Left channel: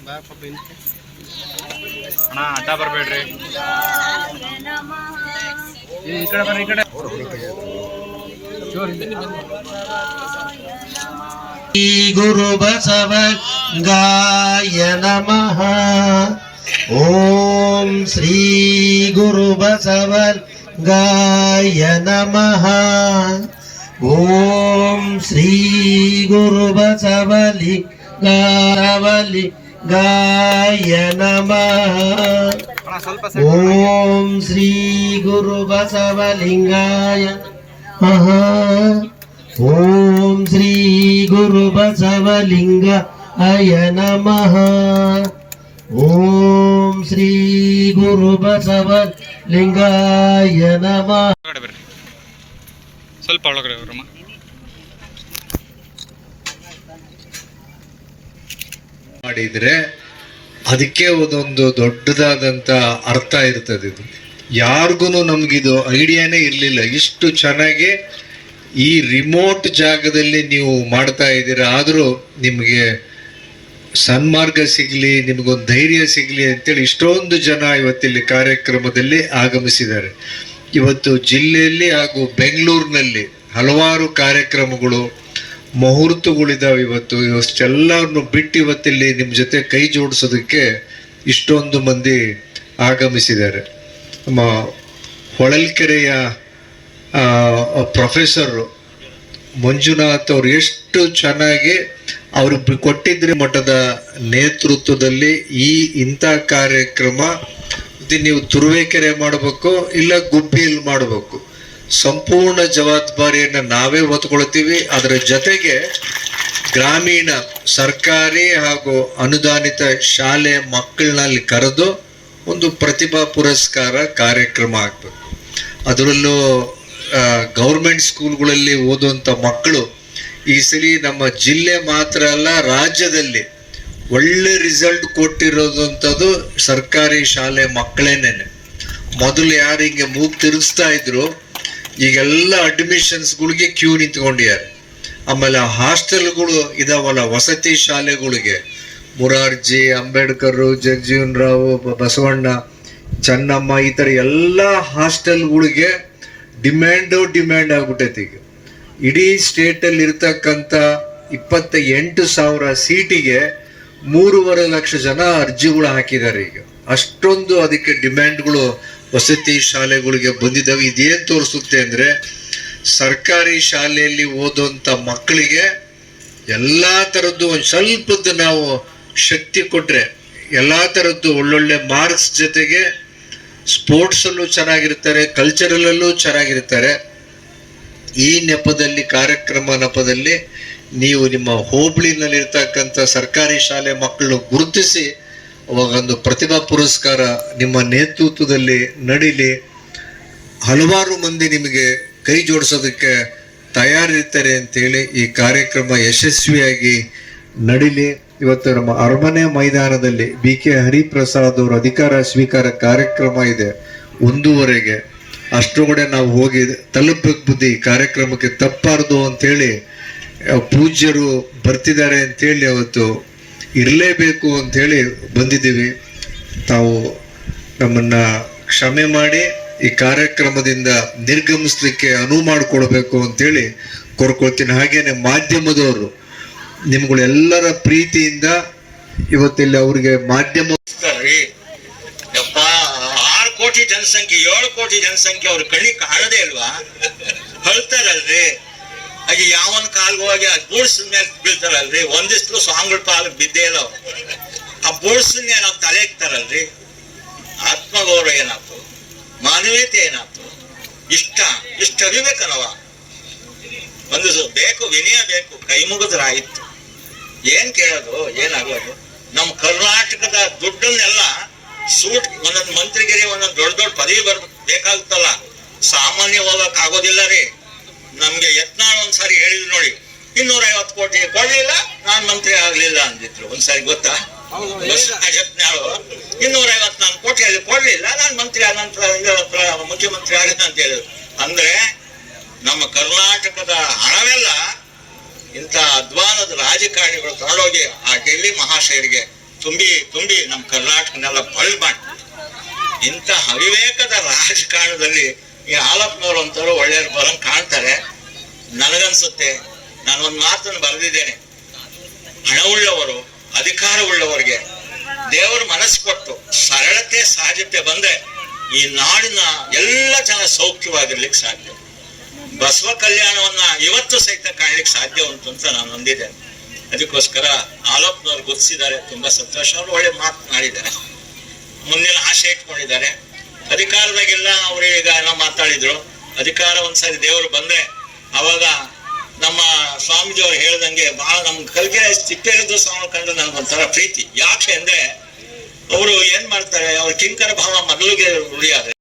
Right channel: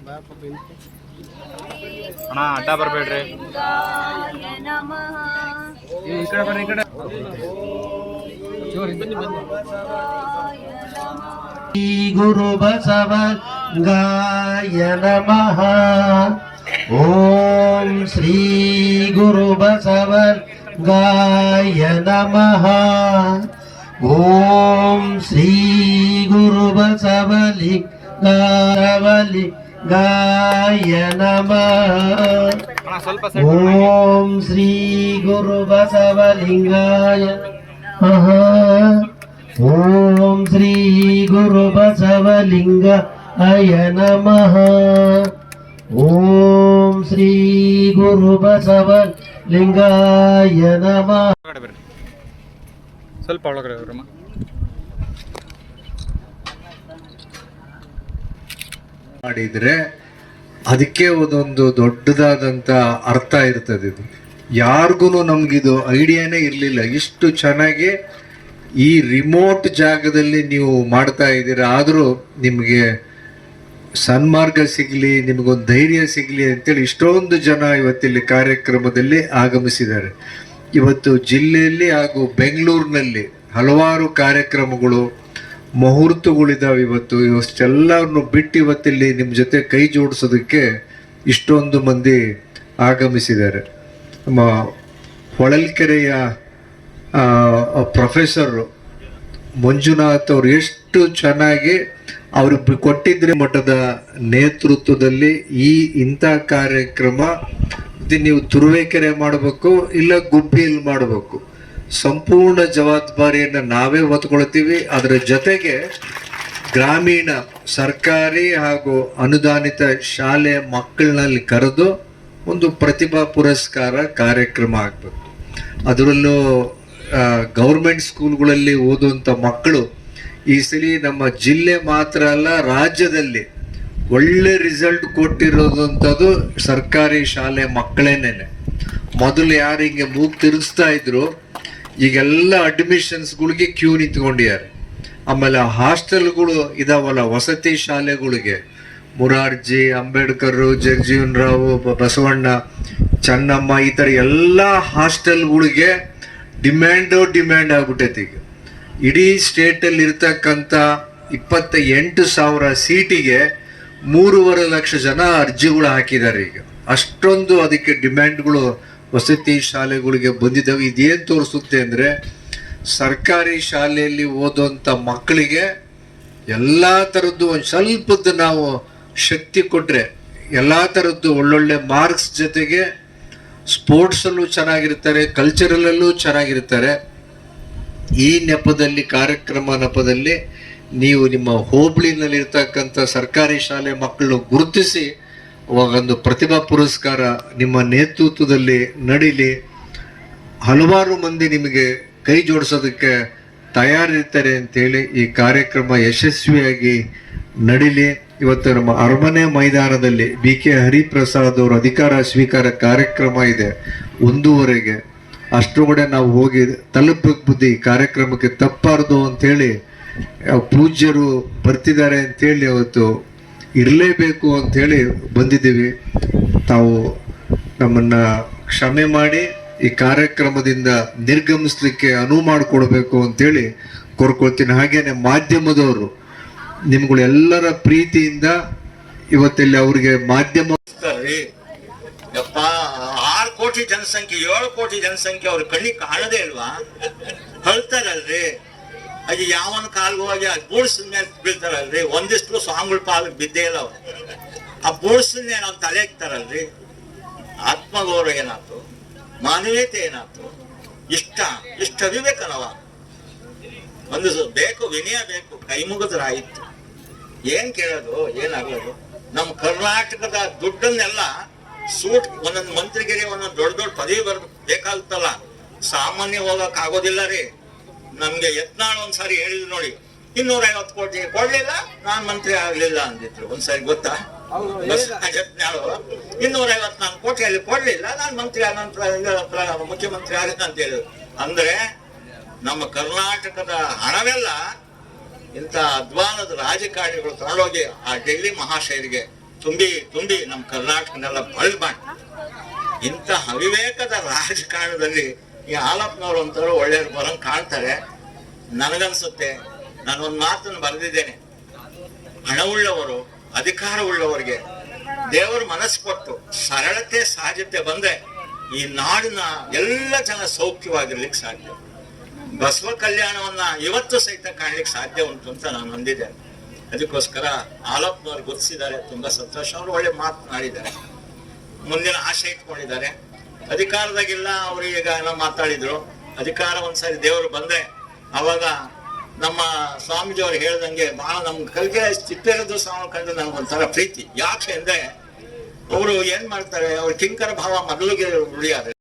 ಅಣ್ಣ ಅಡ್ಡ ಬರಬೇಡ್ರಿ. ಶ್ರೀ ಗುರು ಬಸವಲಿಂಗಾಯ ನಮಃ. ಓಂ ಶ್ರೀ ಗುರು ಬಸವಲಿಂಗಾಯ ನಮಃ. ಓಂ ಶ್ರೀ ಗುರು ಬಸವಲಿಂಗಾಯ ನಮಃ. ಓಂ ಶ್ರೀ ಗುರು ಬಸವಲಿಂಗಾಯ ನಮಃ. ಓಂ ಶ್ರೀ ಗುರು ಬಸವಲಿಂಗಾಯ ನಮಃ. ಓಂ ಶ್ರೀ ಗುರು ಬಸವಲಿಂಗಾಯ ನಮಃ. ಸ್ವಲ್ಪ ಒಳಗಡೆ ಬರಮ್ಮ. ಮಾಡಿದ್ರೆ ಅದಕ್ಕೆ ಒಂದೊಂದು ದೊಡ್ಡದಾದಂತ ಅರ್ಥ ಇರ್ತದೆ. ಇದು ಯಾರಿಗೂ ನಮ್ಗಿದು ಐಡಿಯಾನೇ ಇರಲಿಲ್ಲ. ಇಷ್ಟು ಚೆನ್ನಾಗಿ ಈ ರಿಮೋಟ್ ಜಾಗದಲ್ಲಿ ನೀವು ಮಾಡ್ತಾ ಇದ್ದೀರಾ. ಆದರೂ ನಿಮಗೆ ಸನ್ಮಾರ್ಗ ಸಿಗಲಿ, ನಿಮಗೊಂದು ಧೈರ್ಯ ಸಿಗಲಿ ಅಂತೇಳಿ ಇಷ್ಟೊಂದು ಜನ ಇವತ್ತಿಲ್ಲಿ ಕಾರ್ಯಕ್ರಮದಲ್ಲಿ ಆಗಮಿಸಿದ್ದಾರೆ. ಇವತ್ತು ಜಿಲ್ಲೆಯಲ್ಲಿ ಹಾಗೂ ಬೆಂಗಳೂರಿನಲ್ಲಿ ಹಲವಾರು ಕಾರ್ಯಕ್ರಮಗಳು ಮುಹೂರ್ತಗಳಿದ್ದಾವೆ. ಇವಷ್ಟೆಲ್ಲರನ್ನು ಬಿಟ್ಟು ಇವತ್ತಿಲ್ಲಿ ನಿಮ್ಮ ಜೊತೆ ಕೈ ಜೋಡಿಸೋದಕ್ಕೆ ಇಷ್ಟೊಂದು ಮಂದಿ ಆಗಮಿಸಿದ್ದಾರೆ. ನಮ್ಮ ಹೊಳಲ್ಕೆರೆಯ ಪ್ರೊಫೆಸರ್ ಮಂಜುನಾಥ್ ಅವರು ಎಷ್ಟು ಚೆನ್ನಾಗಿ ಅವರು ಕೊಟ್ಟಿದ್ರೆ ಮಠದ ನೇತೃತ್ವದಲ್ಲಿ ಇಂಥ ಕಾರ್ಯಕ್ರಮ ನೀವು ತುರುವೇಕೆರೆ ಮಾಡಬೇಕು, ಇಲ್ಲ ಗುಬ್ಬಿಯಲ್ಲಿ ಮಾಡಬೇಕು. ಸಂಪೂರ್ಣ ಜವಾಬ್ದಾರಿಯನ್ನು ನಾವೇ ಹೊತ್ಕೊಳ್ತೀವಿ. ಅದರ ಜೊತೆಗೆ ಗ್ರಾಮೀಣ ಸರ್ಕಾರಿ ಹಾಗೂ ಅನುದಾನಿತ ಶಾಲೆ ಮಕ್ಕಳನ್ನಲ್ಲಿ ಕರೆದು ಒಂದು ಪ್ರತಿಭಾ ಪುರಸ್ಕಾರ ಕಾರ್ಯಕ್ರಮ ಆಗಬೇಕು. ಅದರಲ್ಲೂ ಗೌರ್ಮೆಂಟ್ ಸ್ಕೂಲ್ಗಳಲ್ಲಿ ಓದುವಂಥ ಮಕ್ಕಳು ಈ ಸಲ ನಮ್ಮ ಜಿಲ್ಲೆ ಮಾತ್ರ ಅಲ್ಲ, ರಾಜ್ಯದಲ್ಲಿ ಒಳ್ಳೆ ರಿಸಲ್ಟ್ ಕೊಟ್ಟಿರೋದಂಥದ್ದು ಸರ್ಕಾರಿ ಶಾಲೆ ಮಕ್ಕಳೇನೇನೆ. ಮೊದಲು ಯಾರು ಹಿಂಗೆ ಮೂಗು ತಿರುಗಿಸ್ತಾ ಇದ್ರು, ಈಗೆಲ್ಲ ಅಡ್ಮಿಷನ್ಸ್ಗಳಿಗೆ ಕ್ಯೂ ನಿಂತ್ಕೊಂಡಿದ್ದಾರೆ. ಆಮೇಲೆ ಹಾಸ್ಟೆಲ್ಗಳು ಇದಾವಲ್ಲ, ವಸತಿ ಶಾಲೆಗಳಿಗೆ ಮುರಾರ್ಜಿ, ಅಂಬೇಡ್ಕರ್, ಜಗಜೀವನ್ ರಾವ್, ಬಸವಣ್ಣ, ಚೆನ್ನಮ್ಮ, ಈ ಥರ ಎಲ್ಲ ಹಾಸ್ಟೆಲ್ಗಳಿಗೆ ಡಿಮ್ಯಾಂಡ್ ಆಗ್ಬಿಟ್ಟೈತಿ. ಈಗ ಇಡೀ ಸ್ಟೇಟಲ್ಲಿ ಇರ್ತಕ್ಕಂಥ 28,000 ಸೀಟಿಗೆ 3.5 ಲಕ್ಷ ಜನ ಅರ್ಜಿಗಳು ಹಾಕಿದ್ದಾರೆ. ಈಗ ಅಷ್ಟೊಂದು ಅದಕ್ಕೆ ಡಿಮ್ಯಾಂಡ್ಗಳು ವಸತಿ ಶಾಲೆಗಳಿಗೆ ಬಂದಿದ್ದಾವೆ. ಇದೇನು ತೋರಿಸುತ್ತೆ ಅಂದರೆ, ಸರ್ಕಾರಿ ಶಾಲೆಯಲ್ಲಿ ಓದುವಂಥ ಮಕ್ಕಳಿಗೆ ಎಲ್ಲ ಥರದ್ದು ಒಂದು ಸ್ವಲ್ಪದ್ದು ನಾವು ಶಕ್ತಿ ಕೊಟ್ಟರೆ, ಎಲ್ಲ ಥರದ್ದು ಒಳ್ಳೊಳ್ಳೆ ಮಾರ್ಕ್ಸ್ ಜೊತೆಗೆ ಸ್ಪೋರ್ಟ್ಸಲ್ಲೂ ಚೆನ್ನಾಗಿರ್ತಾರೆ, ಕಲ್ಚರಲ್ಲೂ ಚೆನ್ನಾಗಿರ್ತಾರೆ. ಈ ನೆಪದಲ್ಲಿ ನೆಪದಲ್ಲಿ ನೀವು ನಿಮ್ಮ ಹೋಬಳಿನಲ್ಲಿರ್ತಕ್ಕಂಥ ಸರ್ಕಾರಿ ಶಾಲೆ ಮಕ್ಕಳನ್ನು ಗುರುತಿಸಿ ಒಂದು ಪ್ರತಿಭಾ ಪುರಸ್ಕಾರ ನಿಮ್ಮ ನೇತೃತ್ವದಲ್ಲಿ ನಡೀಲಿ. ಹಲವಾರು ಮಂದಿ ನಿಮಗೆ ಕೈ ಜೋಡಿಸೋದಕ್ಕೆ ತಯಾರಿರ್ತಾರೆ ಅಂತೇಳಿ ಈ ಕಾರ್ಯಕ್ರಮ ಯಶಸ್ವಿಯಾಗಿ ನಡೀಲಿ. ಇವತ್ತು ನಮ್ಮ ಅರಮನೆ ಮೈದಾನದಲ್ಲಿ BK ಹರಿಪ್ರಸಾದ್ ಅವರು ಅಧಿಕಾರ ಸ್ವೀಕಾರ ಕಾರ್ಯಕ್ರಮ ಇದೆ 1:30ಗೆ. ಅಷ್ಟರೊಳಗಡೆ ನಾವು ಹೋಗಿ ತಲುಪಕ್ಕೆ ಬುದ್ಧಿ ಕಾರ್ಯಕ್ರಮಕ್ಕೆ ತಪ್ಪಾರ್ದು ಅಂಥೇಳಿ ಪೂಜ್ಯರು ಬರ್ತಿದ್ದಾರೆ ಅಂಥೇಳಿ ಅವತ್ತು ಇರಲೇಬೇಕು ಅಂಥೇಳಿ ಬಂದಿದ್ದೀವಿ. ತಾವು ನಮ್ಮನ್ನು ಕ್ಷಮೆ ಮಾಡಿ ಈ ಕಾರ್ಯಕ್ರಮದಿಂದ ನಿರ್ಗಮಿಸ್ಲಿಕ್ಕೆ ಅನುವು ಮಾಡಿಕೊಡ್ಬೇಕು ಅಂತೇಳಿ ಕೋರ್ಕೊಳ್ತೀನಿ. ಹಾಗೇನೆ ಮಾಧ್ಯಮದವರು ನಿಮ್ಗಳೆಲ್ಲರ ಪ್ರೀತಿಯಿಂದ ಇವತ್ತಿಲ್ಲಿ ಅವ್ರಿಗೆ ಮಾಧ್ಯಮ 6 ಕೋಟಿ ಜನಸಂಖ್ಯೆ 7 ಕೋಟಿ ಜನಸಂಖ್ಯೆ ಅವ್ರ ಕಣ್ಣಿ ಕಾಣದೇ ಇಲ್ವಾ? ಹೊಳ್ತಾರಲ್ರಿ. ಹಾಗೆ ಯಾವನ್ ಕಾಲ್ಗೆ ಹೋಗಿ ಆ ಬೂಡ್ಸಿನ ಮೇಲೆ ಬೀಳ್ತಾರಲ್ರಿ. ಒಂದಿಷ್ಟು ಸ್ವಾಮಿಗಳ ಪಾಲಕ್ ಬಿದ್ದೇ ಇಲ್ಲ ಅವ್ರು. ಆ ಬೂಡ್ಸನ್ನೇ ನಾವು ತಲೆ ಇಕ್ತಾರಲ್ರಿ. ಆತ್ಮಗೌರವ ಏನಾಯ್ತು? ಮಾನವೀಯತೆ ಏನಾಯ್ತು? ಇಷ್ಟ ಅರಿಬೇಕನವ. ಒಂದು ಬೇಕು, ವಿನಯ ಬೇಕು, ಕೈ ಮುಗಿದ್ರಾಯಿತು. ಏನ್ ಕೇಳೋದು, ಏನಾಗೋದು? ನಮ್ಮ ಕರ್ನಾಟಕದ ದುಡ್ಡನ್ನೆಲ್ಲ ಸೂಟ್ ಒಂದೊಂದು ಮಂತ್ರಿಗಿರಿ ಒಂದೊಂದು ದೊಡ್ಡ ಪದವಿ ಬೇಕಾಗುತ್ತಲ್ಲ, ಸಾಮಾನ್ಯ ಹೋಗಕ್ ಆಗೋದಿಲ್ಲ ರೀ. ನಮ್ಗೆ ಯತ್ನಾಳ್ ಒಂದ್ಸಾರಿ ಹೇಳಿದ್ರು ನೋಡಿ, 250 ಕೋಟಿ ಕೊಡ್ಲಿಲ್ಲ, ನಾನ್ ಮಂತ್ರಿ ಆಗ್ಲಿಲ್ಲ ಅಂದಿದ್ರು ಒಂದ್ಸಾರಿ. ಗೊತ್ತಾ? ಯತ್ನಾಳು 254 ಕೋಟಿಯಲ್ಲಿ ಕೊಡ್ಲಿಲ್ಲ, ನಾನ್ ಮಂತ್ರಿ ಆನಂತರ ಮುಖ್ಯಮಂತ್ರಿ ಆಗಿದ್ದ ಅಂತ ಹೇಳಿದ್ರು. ಅಂದ್ರೆ ನಮ್ಮ ಕರ್ನಾಟಕದ ಹಣವೆಲ್ಲ ಇಂಥ ಅಧ್ವಾನದ ರಾಜಕಾರಣಿಗಳು ತಗೊಂಡೋಗಿ ಆ ಡೆಲ್ಲಿ ಮಹಾಶಯರಿಗೆ ತುಂಬಿ ನಮ್ಮ ಕರ್ನಾಟಕನೆಲ್ಲ ಬಳ್ಳು ಮಾಡಿ ಇಂಥ ಅವಿವೇಕದ ರಾಜಕಾರಣದಲ್ಲಿ ಈ ಹಾಲಪ್ಪನವ್ರು ಅಂತವ್ರು ಒಳ್ಳೆಯವ್ರು ಬರಂಗ್ ಕಾಣ್ತಾರೆ. ನನಗನ್ಸುತ್ತೆ, ನಾನು ಒಂದು ಮಾತನ್ನು ಬರೆದಿದ್ದೇನೆ, ಹಣವುಳ್ಳವರು ಅಧಿಕಾರವುಳ್ಳವರಿಗೆ ದೇವರು ಮನಸ್ಸು ಕೊಟ್ಟು ಸರಳತೆ ಸಹಜತೆ ಬಂದ್ರೆ ಈ ನಾಡಿನ ಎಲ್ಲ ಜನ ಸೌಖ್ಯವಾಗಿರ್ಲಿಕ್ಕೆ ಸಾಧ್ಯ. ಬಸವ ಕಲ್ಯಾಣವನ್ನ ಇವತ್ತು ಸಹಿತ ಕಾಣ್ಲಿಕ್ಕೆ ಸಾಧ್ಯ ಉಂಟು ಅಂತ ನಾನು ಹೊಂದಿದ್ದೇನೆ. ಅದಕ್ಕೋಸ್ಕರ ಹಾಲಪ್ಪನವ್ರು ಗುರುತಿಸಿದ್ದಾರೆ, ತುಂಬಾ ಸಂತೋಷ. ಅವರು ಒಳ್ಳೆ ಮಾತನಾಡಿದ್ದಾರೆ, ಮುಂದಿನ ಆಶೆ ಇಟ್ಕೊಂಡಿದ್ದಾರೆ. ಅಧಿಕಾರದಾಗೆಲ್ಲ ಅವರು ಈಗ ಎಲ್ಲ ಮಾತಾಡಿದ್ರು. ಅಧಿಕಾರ ಒಂದ್ಸರಿ ದೇವರು ಬಂದ್ರೆ ಅವಾಗ ನಮ್ಮ ಸ್ವಾಮೀಜಿ ಅವ್ರು ಹೇಳ್ದಂಗೆ ಬಹಳ ನಮ್ ಕಲ್ಗೆ ಚಿಟ್ಟೆರದು ಸ್ವಾಮಿ ಕಂಡ್ರೆ ನನಗೊಂಥರ ಪ್ರೀತಿ. ಯಾಕೆ ಅಂದ್ರೆ ಅವರು ಏನ್ ಮಾಡ್ತಾರೆ, ಅವ್ರ ಕಿಂಕರ ಭಾವ ಮೊದಲಿಗೆ ಉಳಿಯಾರೆ.